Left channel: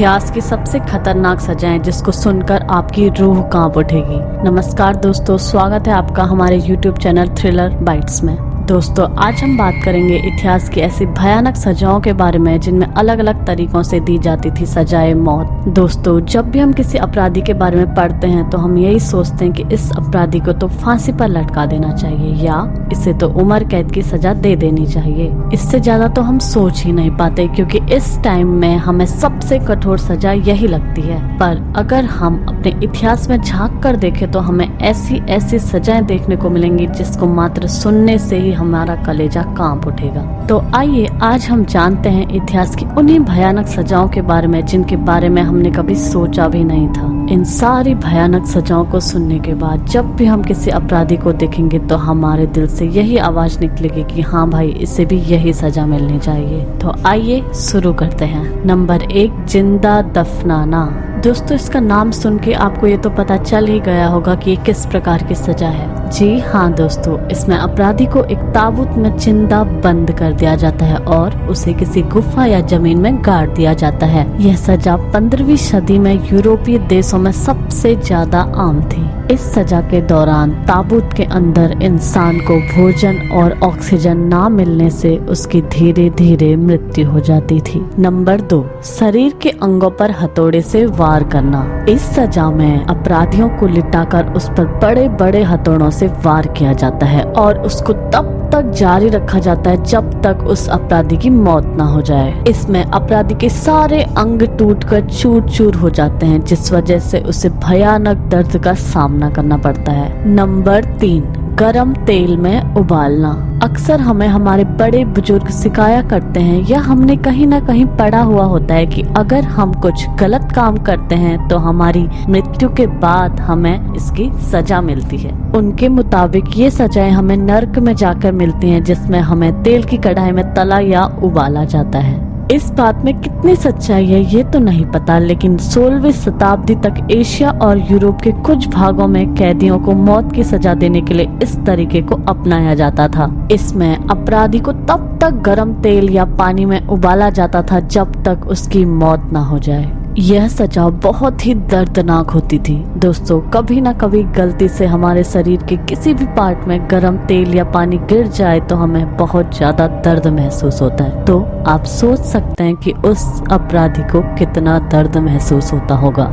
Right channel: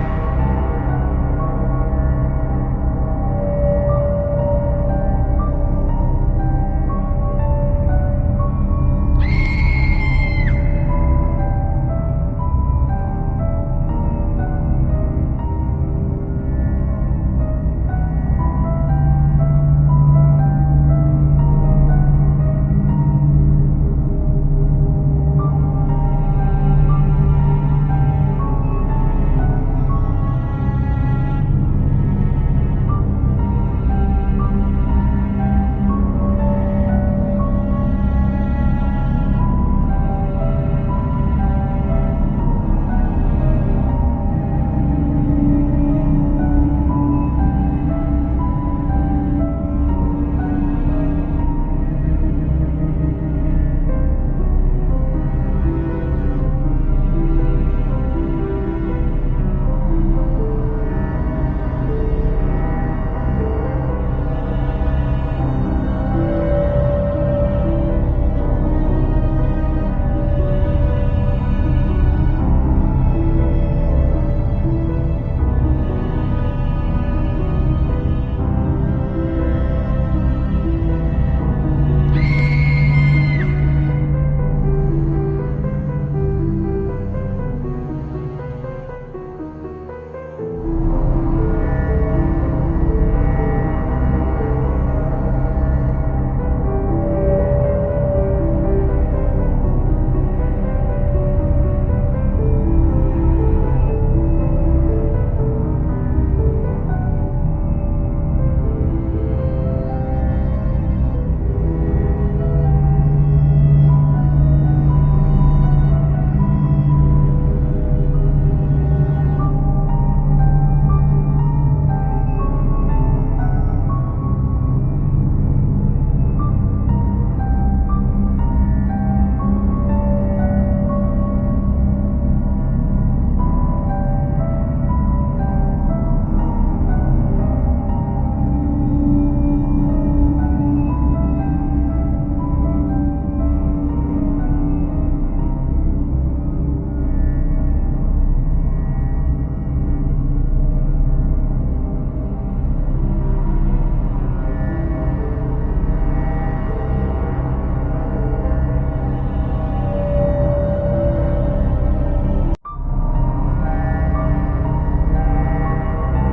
इतिहास की सबसे खतरनाक सजाएं जिसको सुनकर आपकी रूह कांप उठेगी। नमस्कार दोस्तों, स्वागत है आपका हमारे YouTube चैनल थ्रिलर बाइट्स में। दोस्तों, आज हम बात करेंगे इतिहास की ऐसी भयानक सजाओं के बारे में जिनमें अलग अलग तरीकों से दी जाती थी सजाए मौत। दोस्तों, जब भी हम किसी अपराधी के बारे में पढ़ते हैं तो हम यही सोचते हैं कि इस अपराधी को तो फांसी पर लटका देना चाहिए या इसे तो उम्र कैद की सजा दे देनी चाहिए। इससे ज्यादा तो हम सोच ही नहीं पाते, क्योंकि इस टाइम में हमें सबसे कठोर सजा यही लगती है। पर अगर हम अपने इतिहास में झांक कर देखें तो हमें ऐसी ऐसी सजाएं देखने को मिलेंगी जिसको मात्र सुनने से ही हमारा कलेजा कांप उठेगा। तो आइए आज हम जानते हैं इतिहास की उन्हीं भयानक सजाओं के बारे में जिनके बारे में हमने कभी सोचा भी नहीं था। इन सारी भयानक सजाओं को सुनने के बाद जब भी हम किसी अपराधी को देखेंगे तो हमारे दिल से यही आवाज निकलेगी कि हाँ भाई, इसे भी यही सजा मिलनी चाहिए। तो आइए शुरू करते हैं। नंबर 1, जिंदा दफनाना। दोस्तों, इसका नाम सुन के आपको ये तो पता चल ही गया होगा कि ये किस प्रकार की सजा है। जी हाँ दोस्तों, इसमें अपराधी को एक ताबूत में जिंदा बंद कर दिया जाता है और उसे किसी गुफा या जमीन में गाड़ दिया जाता है। यह सजा 15वीं सदी में यूरोपीय देशों में सबसे ज्यादा आम थी। इस सजा के दौरान ताबूत के अंदर इंसान को भोजन और ऑक्सीजन ना मिलने से उसकी धीरे धीरे मृत्यु हो जाती थी। नंबर 2, शरीर के अंगों पर हथौड़े से वार करना। इस सजा में अपराधियों को लिटाकर उस पर बड़े बड़े हथौड़ों से वार किया जाता है और उसको तब तक जारी रखा जाता है जब तक उस अपराधी की मौत ना हो जाए। इसमें अपराधी के सारे अंग टूटकर चूर चूर हो जाते हैं, जिस वजह से उसे भयानक दर्द का सामना करना पड़ता है। नंबर 3, गरम तेल में उबालना। अक्सर हमें हमारे बड़े बुजुर्ग सिखाया करते हैं या हमने कहीं ना कहीं पढ़ा हुआ होता है कि अगर हम कुछ गलत काम करते हैं तो हमारी मृत्यु के बाद हमें इसकी सजा मिलती है। उनके मुताबिक ये सजाएं हमें नर्क में जाकर मिलती हैं, जिसमें हमें तेल की कढ़ाई में तला या उबाला जाता है। इस बात में कितनी सच्चाई है ये तो नहीं पता, लेकिन 16वीं शताब्दी तक एशिया और यूरोप के कुछ भागों में कैदियों को मौत की सजा देने के लिए इस तरीके को अपनाया जाता था। इसमें अपराधी को तब तक गर्म तेल या पानी में उबाला जाता था जब तक उसकी मौत ना हो जाए। यह सजा बहुत ही दर्दनाक होती थी। दोस्तों, कभी ना कभी गलती से हमारे शरीर के किसी भी पार्ट में गर्म तेल या पानी गिर जाए तो हमें बहुत ज्यादा दर्द महसूस होता है। तो आप सोच सकते हैं कि उस अपराधी को कितना दर्द महसूस होता होगा।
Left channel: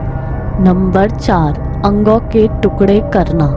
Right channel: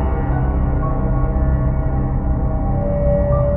नंबर 4, अंगों के टुकड़े करना।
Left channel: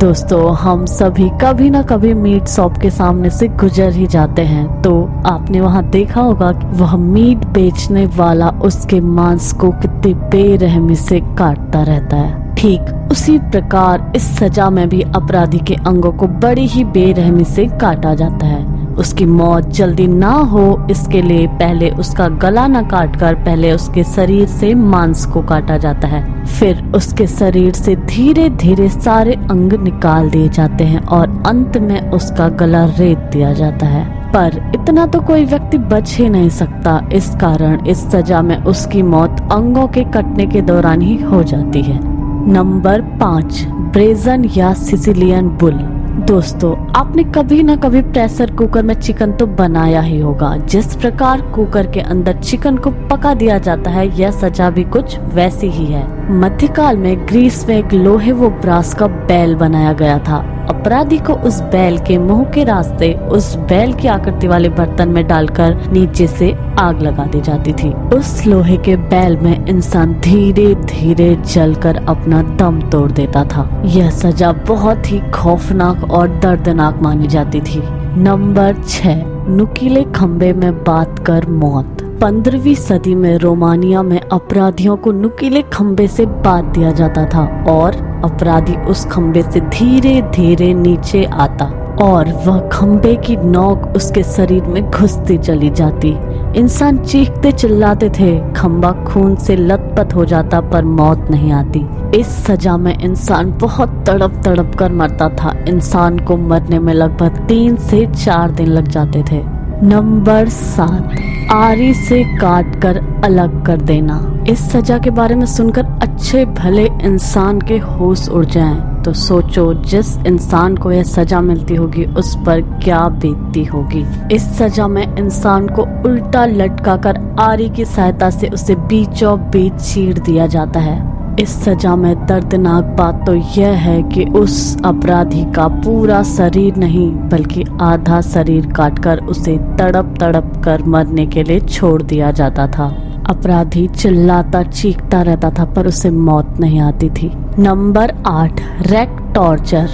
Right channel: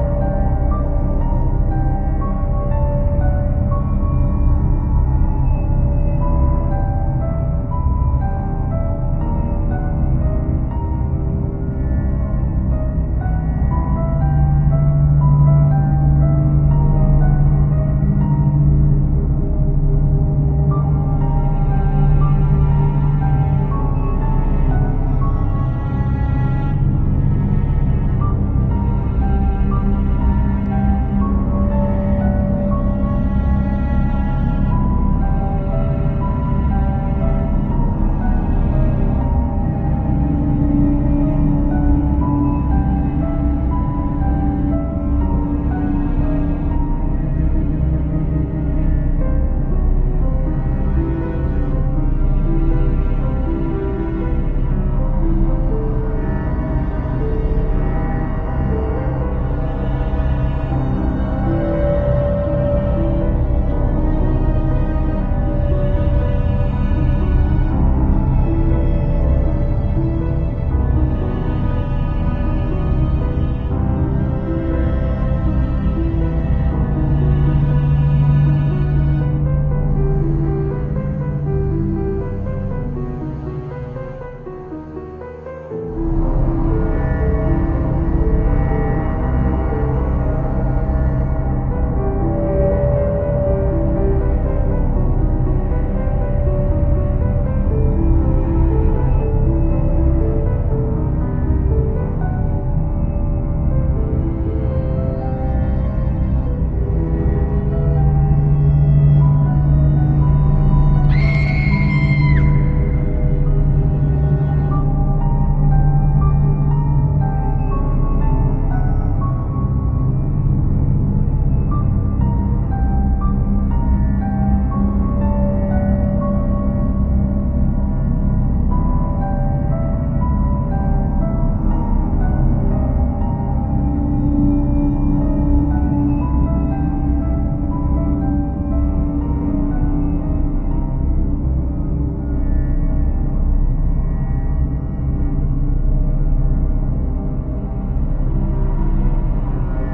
दोस्तों, हम सभी कभी ना कभी मीट शॉप के सामने से गुजर ही जाते हैं, तो आपने वहां देखा होगा कि वह मीट बेचने वाला उसके मांस को कितनी बेरहमी से काटता रहता है। ठीक उसी प्रकार इस सजा में भी अपराधी के अंगों को बड़ी ही बेरहमी से काटा जाता है। उसकी मौत जल्दी ना हो इसके लिए पहले उसका गला न काटकर पहले उसके शरीर से मांस को काटा जाता है, फिर उसके शरीर से धीरे धीरे सारे अंग निकाल दिए जाते हैं और अंत में उसका गला रेत दिया जाता है। पर इतना तो कोई व्यक्ति बच ही नहीं सकता, इस कारण इस सजा में उसकी मौत अंगों के कटने के दौरान ही हो जाती है। नंबर 5, ब्रेजन या सिसिलियन बुल। दोस्तों, आपने कभी न कभी प्रेशर कुकर में चिकन तो बनाया ही होगा। जिस प्रकार कुकर के अंदर चिकन को पका दिया जाता है, यह सजा भी कुछ वैसी ही है। मध्यकाल में ग्रीस में एक लोहे व ब्रास का बैल बनाया गया था। अपराधी को उस बैल के मुंह के रास्ते उस बैल की आकृति वाले बर्तन में डालकर नीचे से आग लगा दी जाती थी। उस लोहे के बैल में इंसान धीरे धीरे जलकर अपना दम तोड़ देता था। यह सजा बहुत ही खौफनाक और दर्दनाक मानी जाती थी। नंबर 6, नुकीले खंबे में बात कर मौत। 15वीं सदी में रोमानिया में अपराधियों को नुकीले खंबे से बांध दिया जाता था और अपराधी उस खंबे से धीरे धीरे नीचे आता और वह खंबे की नोक उसके शरीर में घुसती चली जाती। इंसान चीखते चिल्लाते थे, खंबा खून से लथपथ हो जाता पर मौत नहीं आती। इस सजा में इंसान बहुत तड़प तड़प कर मरता था। इंसान को मरने में लगभग 3 से 4 दिन लग जाते थे। नंबर 7, आरी से काट कर अलग कर देना। इस सजा के बारे में सुनकर अच्छे भले इंसान के होश उड़ जाएं। तो सोचो जिस इंसान को यह सजा मिलती होगी उस पर क्या बीतती होगी। इस सजा में इंसान को उल्टा लटकाकर आरी की सहायता से उसे बीचों बीच चीर दिया जाता है। इस सजा में दर्दनाक बात तो यह है कि उस अपराधी का पूरा शरीर नहीं बल्कि आधा शरीर काटकर उसे तड़प तड़प कर मरने के लिए छोड़ दिया जाता था। अपराधी चिल्लाता चीखता रहता था पर उसे मौत नहीं आती थी। Number 8, rack torture.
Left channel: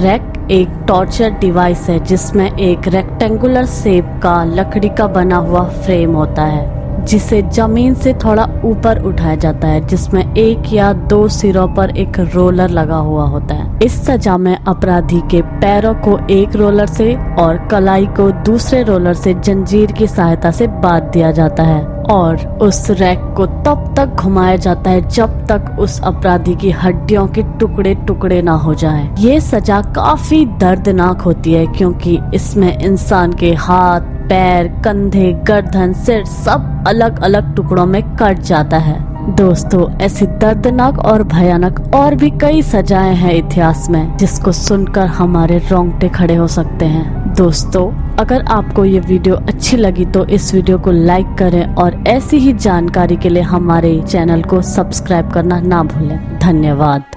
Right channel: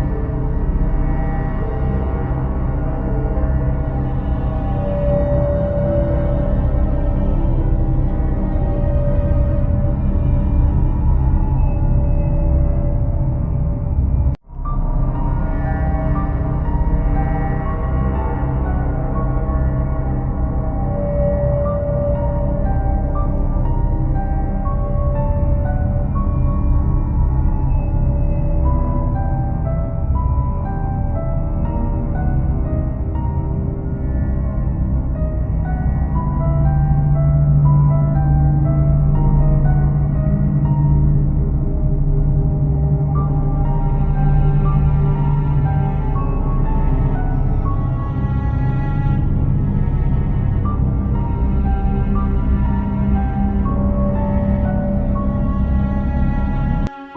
रैक एक टॉर्चर डिवाइस है जिसमें एक रेक्टेंगुलर शेप का लकड़ी का बना हुआ फ्रेम होता है जिसे जमीन से थोड़ा ऊपर उठाया जाता है, जिसमें 1 या 2 सिरों पर एक रोलर लगा हुआ होता है। इस सजा में अपराधी के पैरों को एक रोलर से और कलाई को दूसरे रोलर से जंजीर की सहायता से बांध दिया जाता है और उस रैक को तब तक घुमाया जाता है जब तक उस अपराधी की हड्डियों के टुकड़े टुकड़े ना हो जाएं। ये सजा काफी दर्दनाक होती है क्योंकि इसमें इंसान के हाथ, पैर, कंधे, गर्दन, सिर सब अलग अलग टुकड़ों में कट जाता है। दोस्तों, ऐसी दर्दनाक और भयानक और भी कई सजाएं हैं इतिहास में जिसको सुनकर हमारे रोंगटे खड़े हो सकते हैं। दोस्तों, अगर आपको ये वीडियो अच्छी लगी तो इस वीडियो को लाइक करें और ऐसी ही जानकारी के लिए हमारे चैनल को सब्सक्राइब करना ना भूलें। धन्यवाद।